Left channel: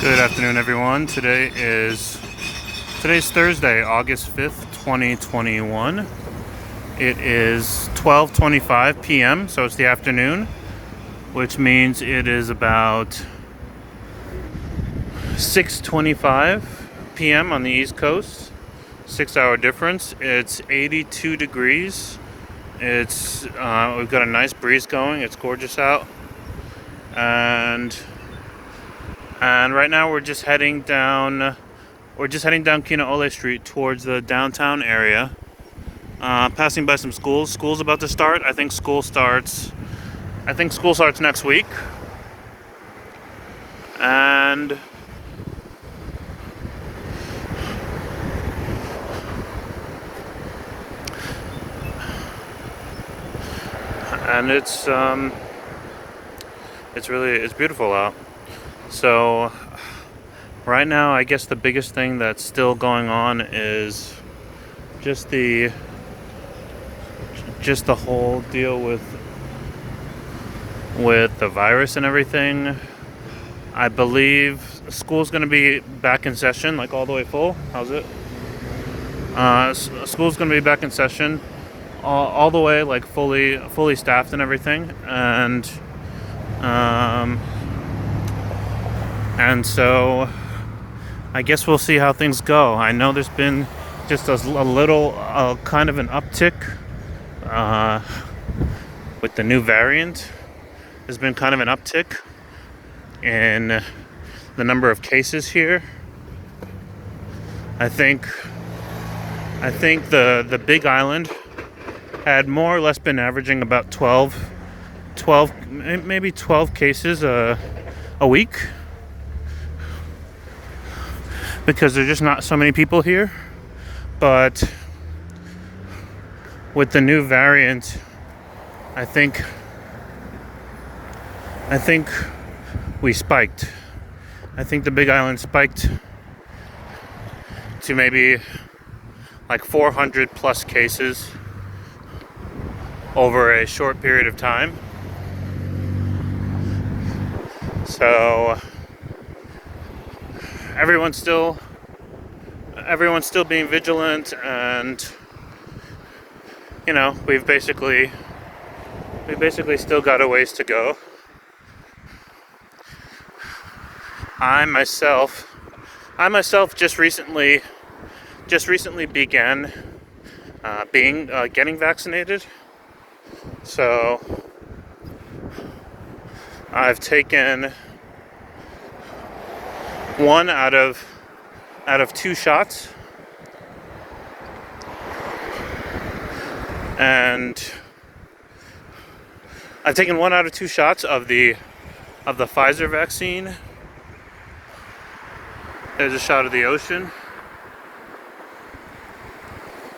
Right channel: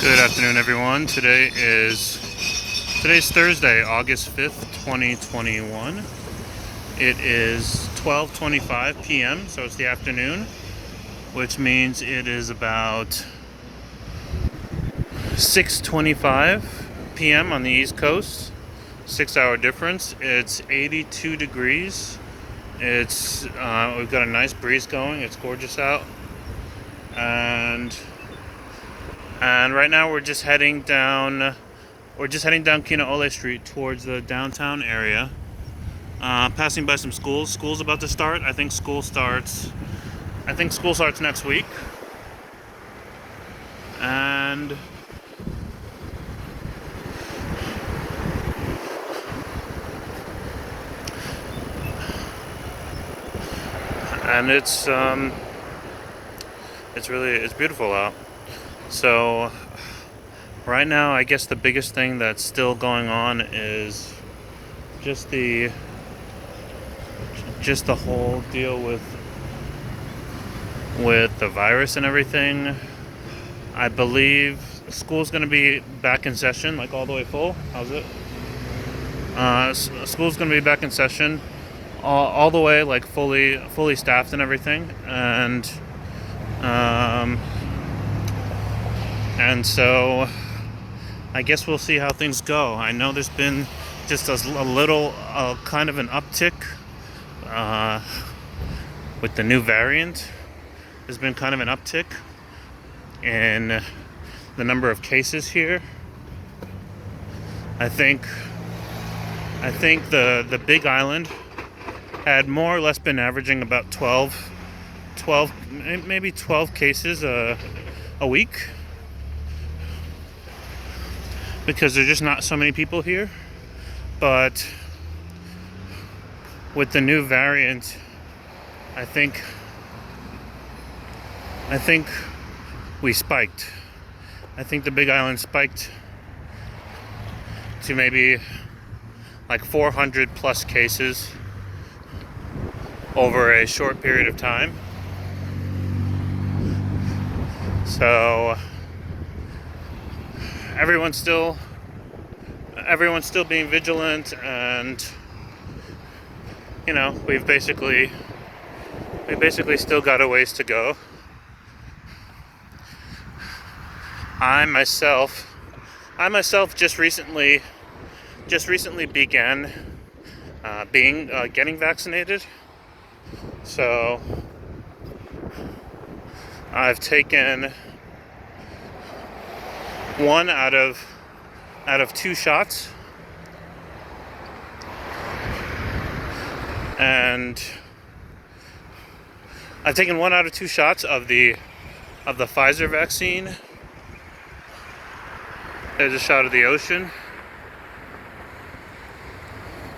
Good afternoon, everyone. Today's Thursday, August 5th, 2021. It is 12:25 p.m., so it's the afternoon, which means it is about 6:25 p.m. on the East Coast. 6-hour difference. It's 82 degrees. We've got a nice breeze going. It's gorgeous out. And right now we're just heading down Kinoole Street towards the downtown area. Passing by some schools. School's about to start. I think school starts next week. And it's beautiful out. So right now, I guess the biggest thing that's still going on is just the whole deal with the virus and everything. I believe school's going to be back in session, like all the way full. How's it? School's going to be back in session, all the way, like fully staffed and everything, and so I guess we'll see how things go. I know there's been just a little kind of an uptick with the new variant. There's been kind of an uptick in the number of cases here. I think the Big Island had more or less been averaging about 12 maybe 12 cases a week, because there's just not so many people here. But with the new variant, I think we spiked. I think the Big Island spiked to maybe like 400 plus cases over a short period of time. So everyone's still being vigilant, and we basically still got a ways to go. I myself just recently began getting vaccinated. So I've taken one out of 2 shots, and I've taken 1 out of 2 shots of the Pfizer vaccine. There's a shot of the ocean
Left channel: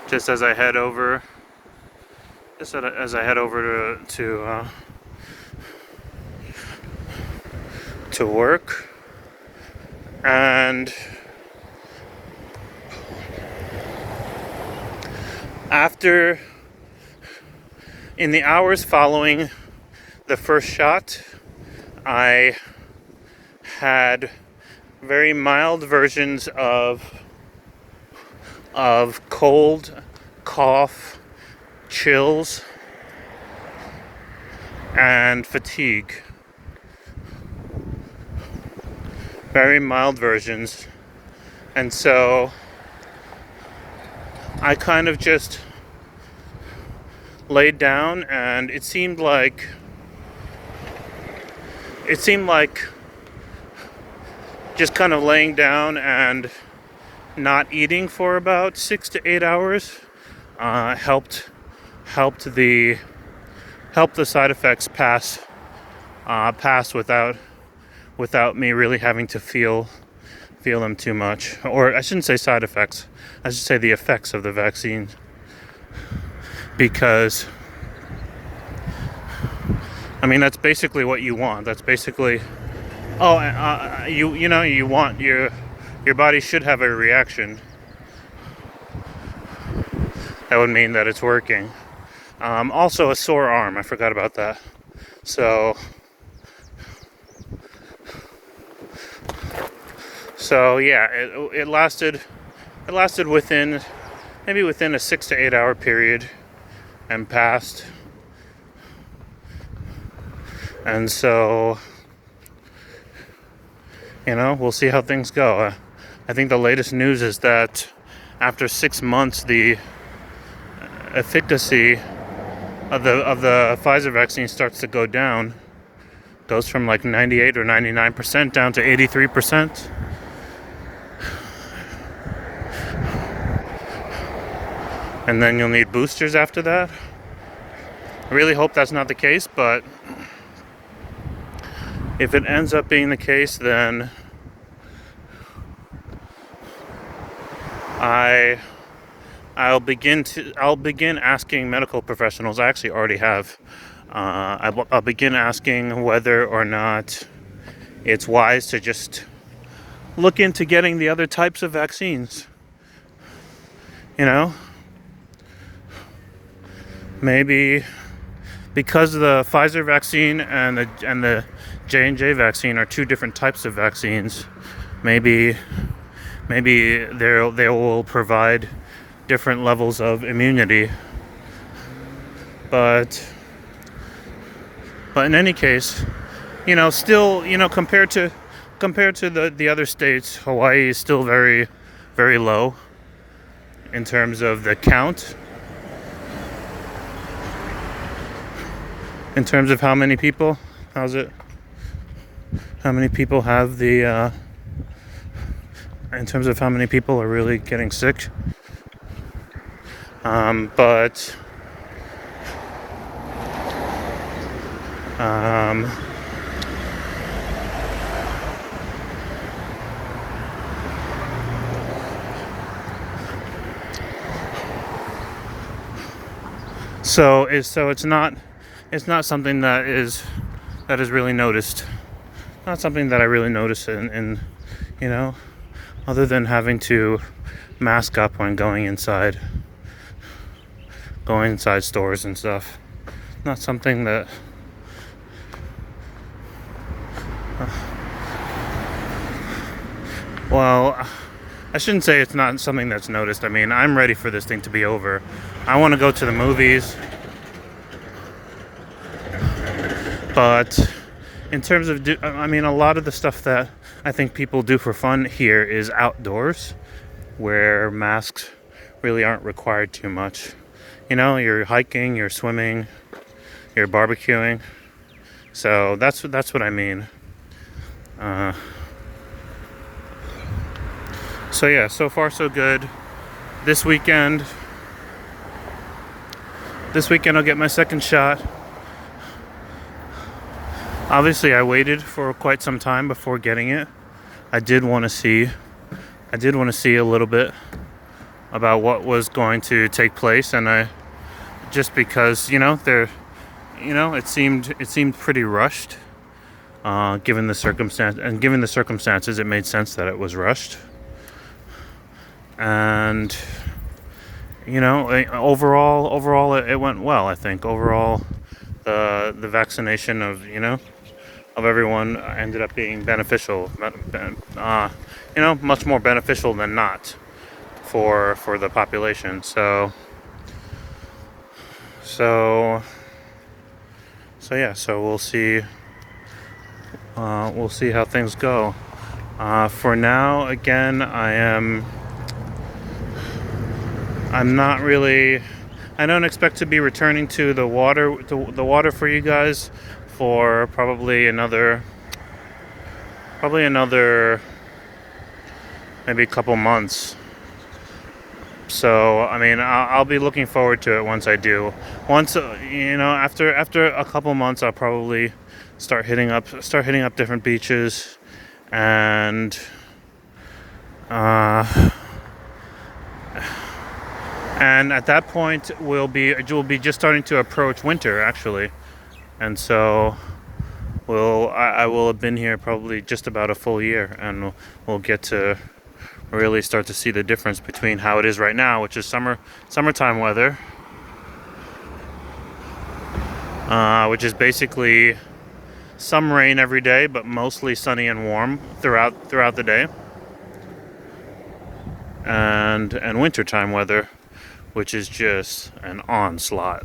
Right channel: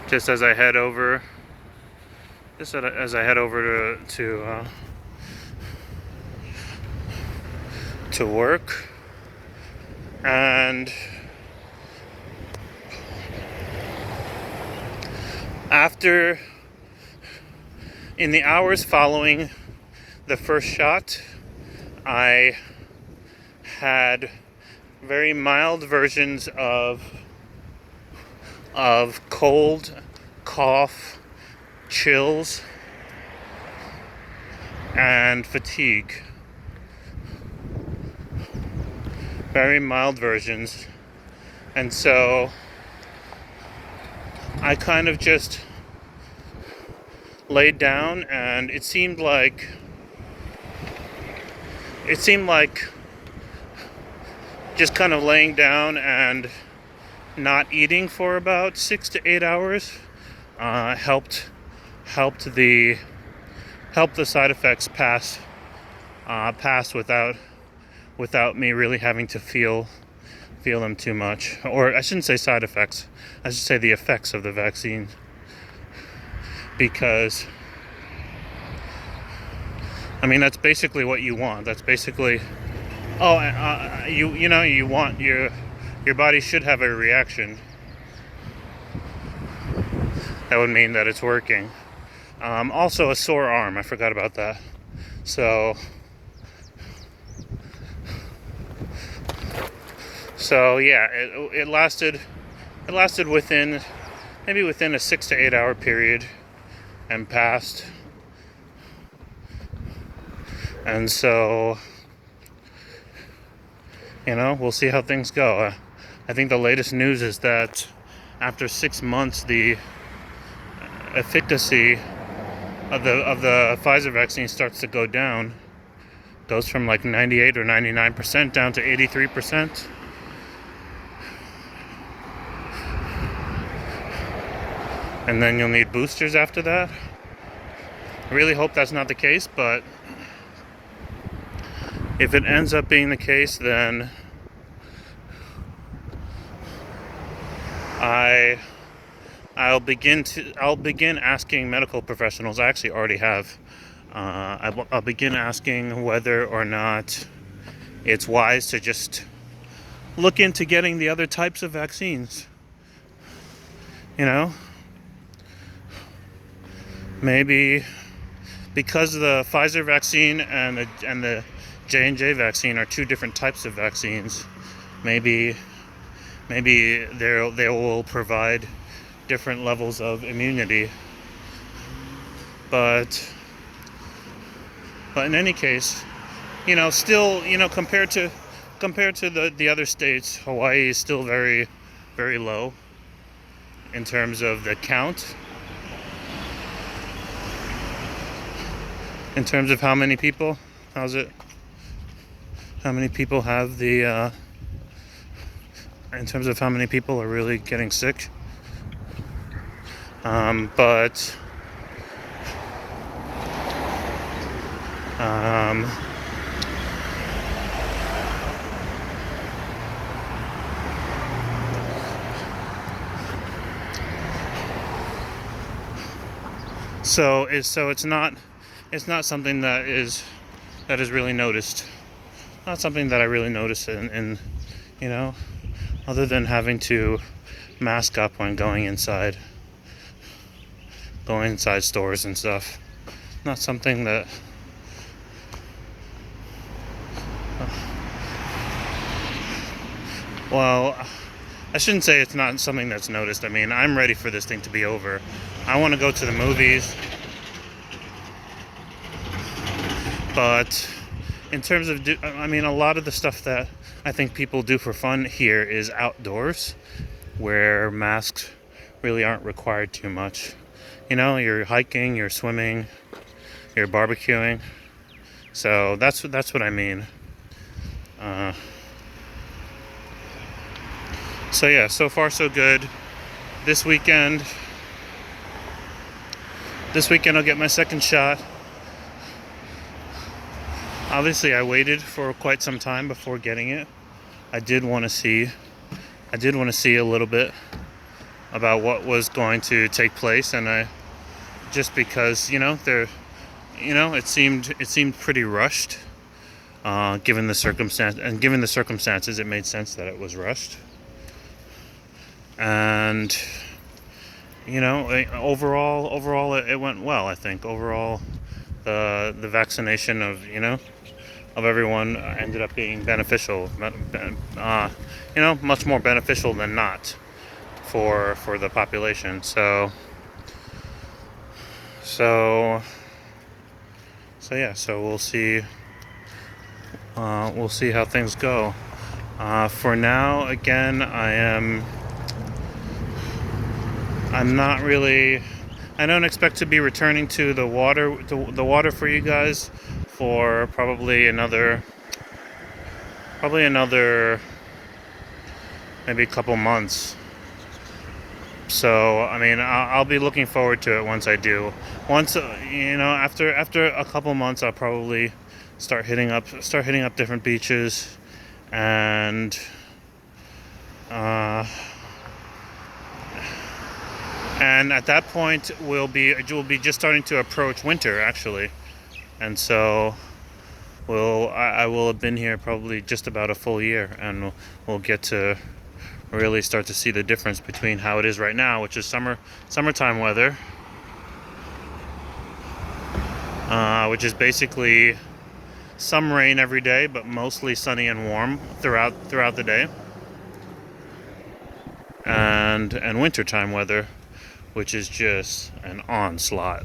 just as I head over to work. And in the hours following the first shot, I had very mild versions of cold, cough, chills, and fatigue. Very mild versions. And so I kind of just laid down, and it seemed like just kind of laying down and not eating for about 6 to 8 hours helped the side effects pass without me really having to feel them too much. Or I shouldn't say side effects, I should say the effects of the vaccine, because I mean that's basically what you want. That's basically you want your body should have a reaction. That would mean that it's working. Also a sore arm, I forgot about that. So So yeah, it lasted. It lasted within maybe within a 6 to 8 hour period and passed. And so, we'll see how things go. I think the latest news is that after 6 months, the efficacy of the Pfizer vaccine starts to go down. Goes from like 98 or 99% down to 83%. And then you'll need boosters after that. I really hope that's not the case, but if it ends up being the case, then I'll begin asking medical professionals. I actually already have. I'll begin asking whether or not it's wise to just look into getting the other types of vaccines. Maybe because the Pfizer vaccine and the J&J vaccine are two different types of vaccines. Maybe they will provide different levels of immunity. But in any case, still, compared to the other states, Hawaii is still very, very low in terms of the count. In terms of how many people, how many people have the, in terms of how many people are really getting sick. But so it's not something that is really noticed. Not something that I really notice in other than having to mask up when going inside stores and stuff. Not something that well, I shouldn't say it's not something that's noticed. I mean, I'm ready for this thing to be over. I want to go to the movies. But in terms of, a lot of the stuff that I think people do for fun here is outdoors, where masks really aren't required too much. You're hiking, you're swimming, you're barbecuing. So that's what I mean. So yeah, so far so good. This weekend I'll get my second shot. Obviously, I waited for quite some time before getting it. I did want to see a little bit about what was going to take place, and just because it seemed pretty rushed. Given the circumstances, it made sense that it was rushed. And overall, it went well. I think overall, the vaccination of everyone ended up being beneficial. Much more beneficial than not for the population. So yeah. So we'll see. We'll see how things go. For now, again, I'm not really. I don't expect to be returning to the water for you guys for probably another maybe a couple months. So I'll be looking forward to it once I do. After a couple months, I'll probably start hitting up different beaches, and at that point we'll be just starting to approach winter, actually. And so I will have been here probably just about a full year, and we'll get to really start to see the difference between how it is right now, which is summertime weather, which is basically some rain every day, but mostly sunny and warm throughout the day. and wintertime weather, which is just an onslaught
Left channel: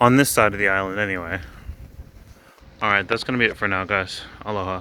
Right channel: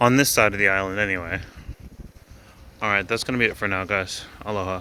on this side of the island anyway. Alright, that's gonna be it for now, guys. Aloha.